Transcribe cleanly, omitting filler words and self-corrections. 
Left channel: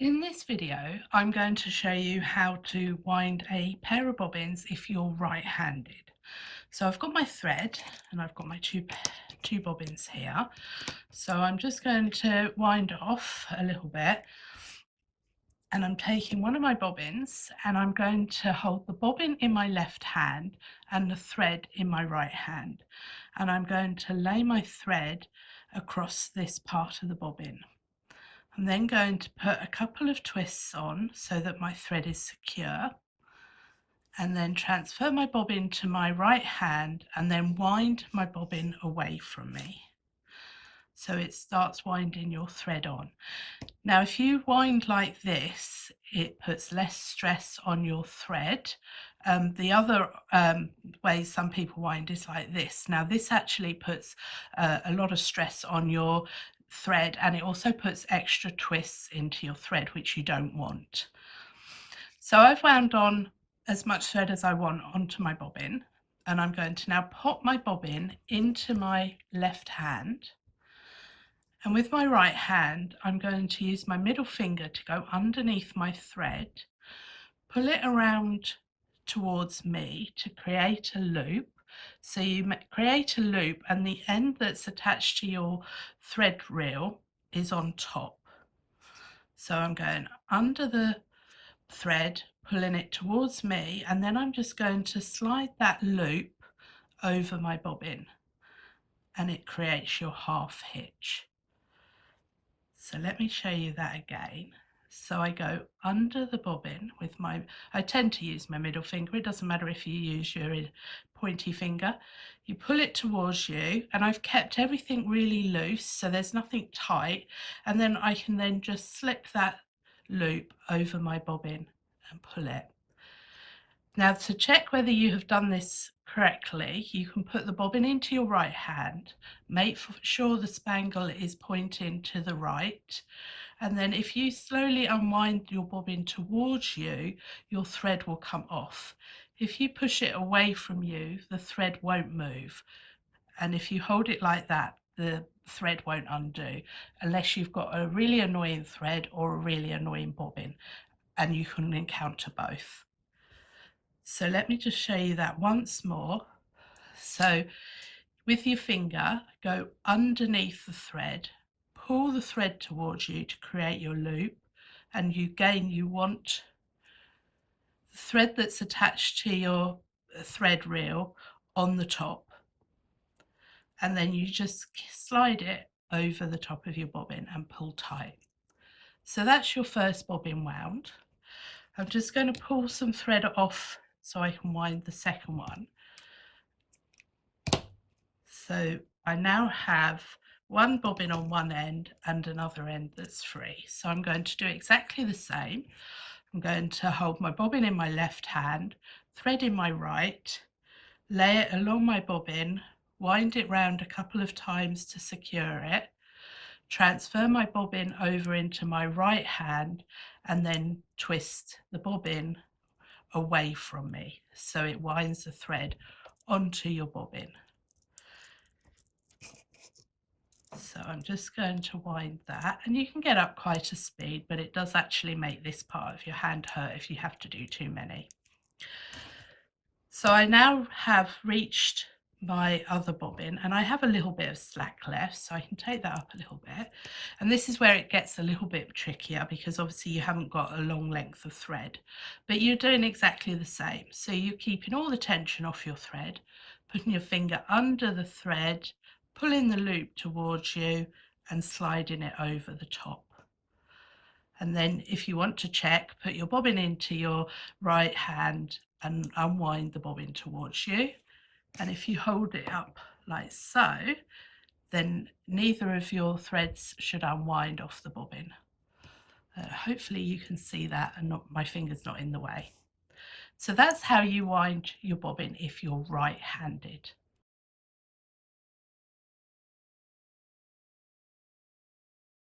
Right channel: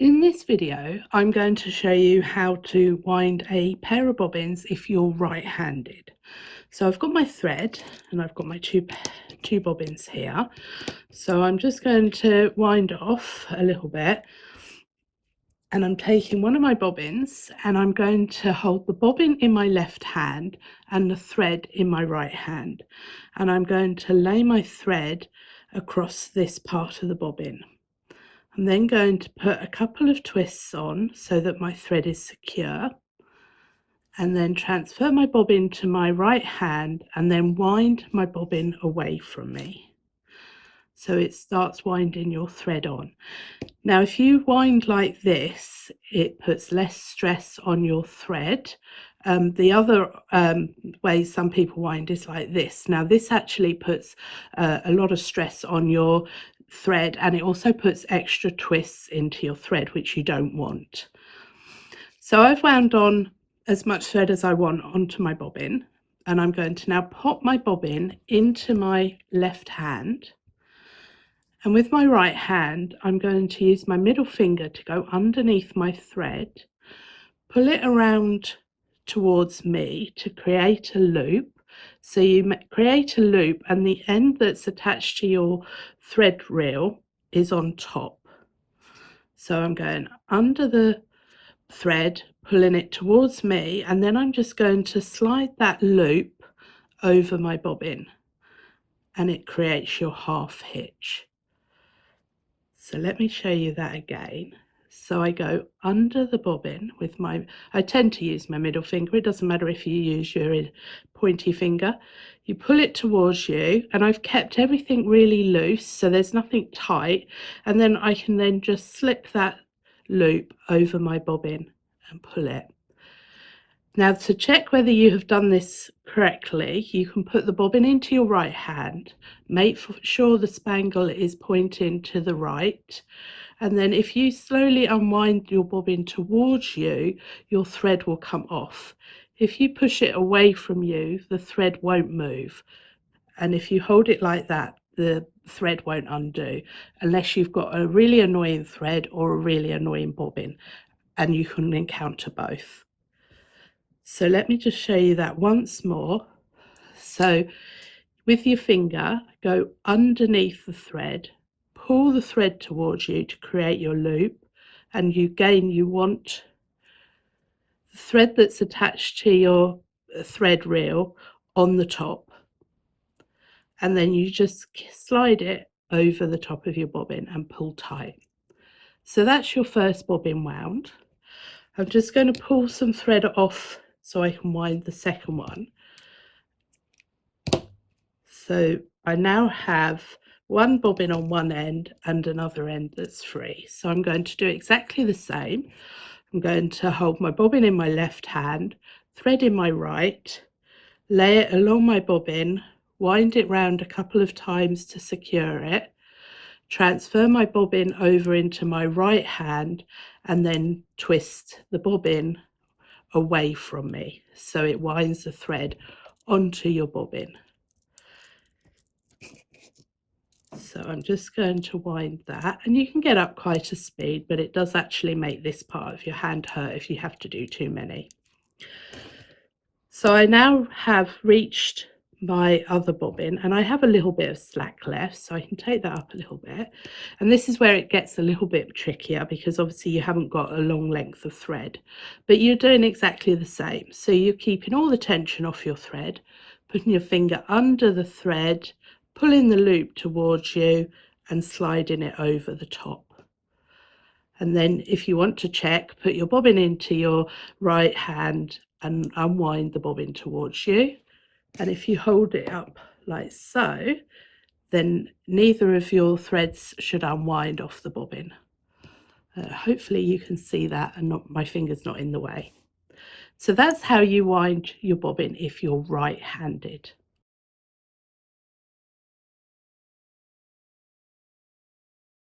In this video, I'm going to show you how to wind a pair of bobbins if you're right-handed. So I've got my thread and I've got my two bobbins here. So I'm just going to wind off a little bit, and I'm taking one of my bobbins and I'm going to hold the bobbin in my left hand and the thread in my right hand. And I'm going to lay my thread across this part of the bobbin. I'm then going to put a couple of twists on so that my thread is secure, and then transfer my bobbin to my right hand and then wind my bobbin away from me. So it starts winding your thread on. Now, if you wind like this, it puts less stress on your thread. The other way some people wind is like this. Now, this actually puts a lot of stress on your thread, and it also puts extra twists into your thread, which you don't want. So I've wound on as much thread as I want onto my bobbin, and I'm going to now pop my bobbin into my left hand. And with my right hand, I'm going to use my middle finger to go underneath my thread, pull it around towards me to create a loop. So you create a loop and the end that's attached to your thread reel is on top. So I'm going under the thread, pulling it towards me, and then I'm just going to slide that loop over my bobbin, and it creates your half hitch. So let me show you that again. So I go under the bobbin with I tend to use my middle finger. It doesn't matter if you use your pointy finger. You pull it towards you, and I've kept everything really loose, so there's nothing tight. And then I can then just slip that loop over my bobbin and pull it. Now, to check whether you have done this correctly, you can put the bobbin into your right hand, make sure the spangle is pointing to the right, and then if you slowly unwind your bobbin towards you, your thread will come off. If you push it away from you, the thread won't move. And if you hold it like that, the thread won't undo, unless you've got a really annoying thread or a really annoying bobbin, and you can encounter both. So let me just show you that once more. So with your finger, go underneath the thread, pull the thread towards you to create your loop, and you want the thread that's attached to your thread reel on the top, and then you just slide it over the top of your bobbin and pull tight. So that's your first bobbin wound. I'm just going to pull some thread off so I can wind the second one. So I now have one bobbin on one end and another end that's free. So I'm going to do exactly the same. I'm going to hold my bobbin in my left hand, thread in my right, lay it along my bobbin, wind it round a couple of times to secure it, transfer my bobbin over into my right hand, and then twist the bobbin away from me so it winds the thread onto your bobbin. So I'm just going to wind that, and you can get up quite a speed, but it does actually make this part of your hand hurt if you have to do too many. So I now have reached my other bobbin, and I have a little bit of slack left, so I can take that up a little bit. And this is where it gets a little bit trickier, because obviously you haven't got a long length of thread, but you're doing exactly the same. So you're keeping all the tension off your thread, putting your finger under the thread, pulling the loop towards you and sliding it over the top. And then if you want to check, put your bobbin into your right hand and unwind the bobbin towards you. And if you hold it up like so, then neither of your threads should unwind off the bobbin. Hopefully you can see that and my finger's not in the way. So that's how you wind your bobbin if you're right-handed.